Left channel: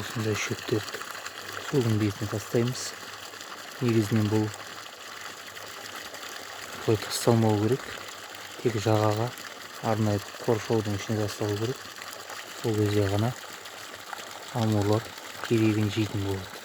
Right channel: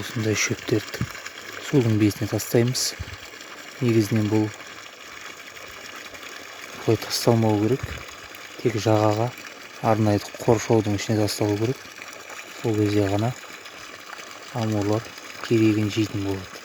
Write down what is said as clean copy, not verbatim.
осындай шөптерді судың бетіне тастаймыз. Негізінен бұл бұлай тасталмау керек, тек жағаға арнайы қоршаудың ішіне тасталу керек. Ол кезде ғана амурлар керегін жейтін болады.